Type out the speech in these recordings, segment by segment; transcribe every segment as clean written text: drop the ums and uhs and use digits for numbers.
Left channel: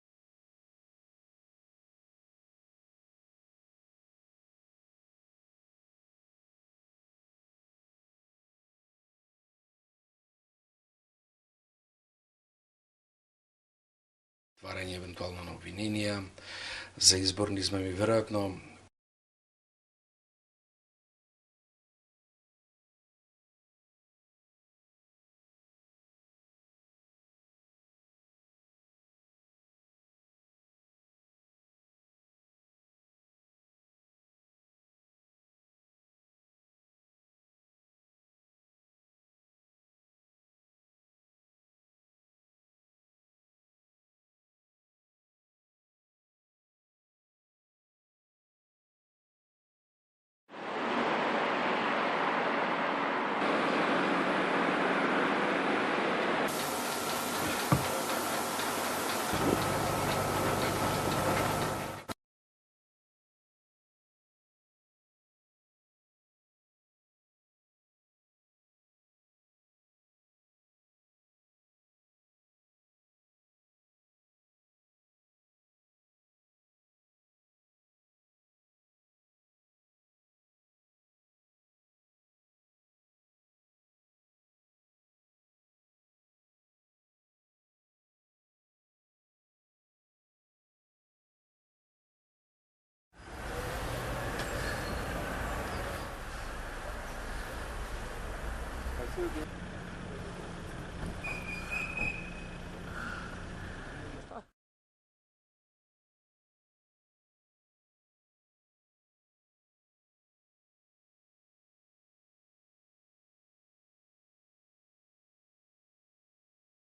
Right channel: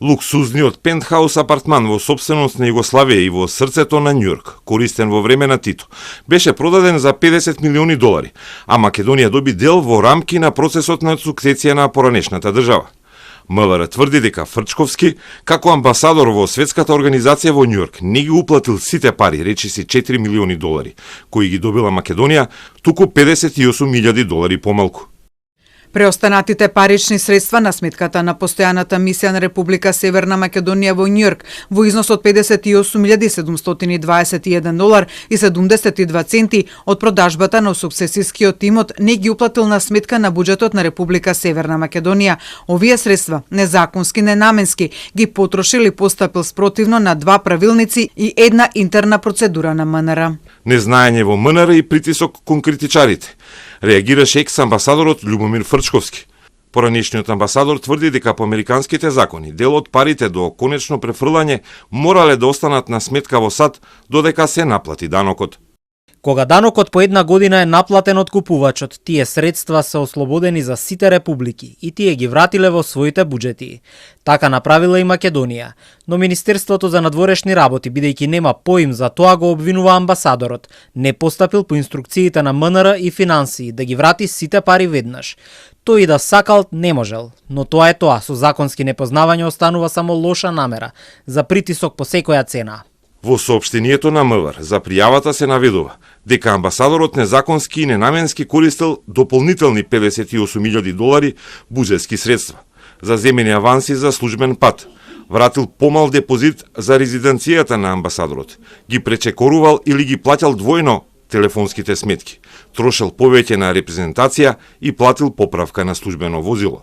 Луксузниот пентхаус апартман во сопственост на Југославија и во срцето на Њујорк, користен во време на Тито, беше продаден за 50 милиони долари, а Македонија доби дел во рамки на процесот на сукцесија на поранешната држава. МВР тврди дека Фрчковски, како амбасадор во Светската организација во Њујорк, не ги уплатил сите пари, речиси 4 милиони долари, кои ги добила Македонија, туку 58.000 долари помалку. Преостанатите парични средства на сметката на постојаната мисија на Република Северна Македонија во Њујорк во износ од 58.721 долар и 72 центи од продажбата на сукцесискиот имот не ги уплатил на сметка на буџетот на Република Северна Македонија. Овие средства, незаконски, ненаменски, ги потрошил и постапил спротивно на 2 правилници и една интерна процедура на МНР. Незнаење во МНР и притисок кон критичарите. Реагираше екс-амбасадорот Љубомир Фрчковски. Поранешниот амбасадор тврди дека по американските закони дел од парите до конечно префрлање морале да останат на сметка во САД додека се наплати данокот. Кога данокот по една година е наплатен од купувачот, тие средства се ослободени за сите републики и тие ги вратиле во своите буџети. Така направила и Македонија, но Министерството за надворешни работи, бидејќи нема поим за тоа, го обвинува амбасадорот, не постапил по инструкциите на МНР и финансии да ги врати сите пари веднаш. Тој и да сакал не можел, но тоа е тоа, со законски непознавање останува само лоша намера за притисок по секоја цена. Во соопштението на МВР за пријавата се наведува дека амбасадорот незаконски и ненаменски користел дополнителни 58.000 долари буџетски средства за земени аванси за службен пат, вратил помал депозит за резиденцијата на амбасадорот, ги пречекорувал или ги плаќал двојно телефонските сметки, трошел повеќе на репрезентација и платил поправка на службено возило.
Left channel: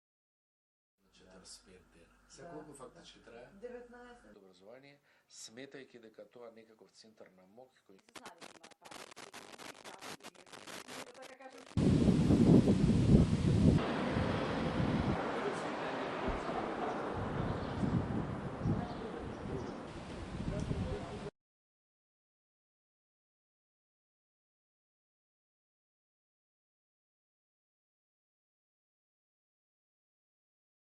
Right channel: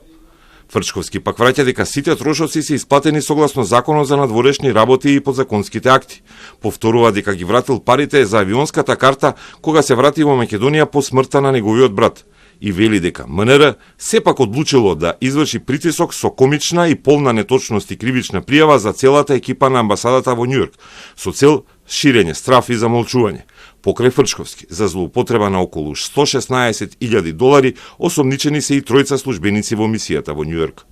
Фрчковски пак враќа дека сите трошоци се исплатени согласно Законот за надворешни работи и подзаконските акти. Повторува дека ги вратил парите за авионската карта кога се врати во Македонија по смртта на неговиот брат и вели дека МНР сепак одлучило да изврши притисок со комична и полна неточност и кривична пријава за целата екипа на амбасадата во Њујорк со цел ширење страф и замолчување. Покрај Фрчковски, за злоупотреба на околу 116.000 долари, осомничени се и тројца службеници во мисијата во Њујорк.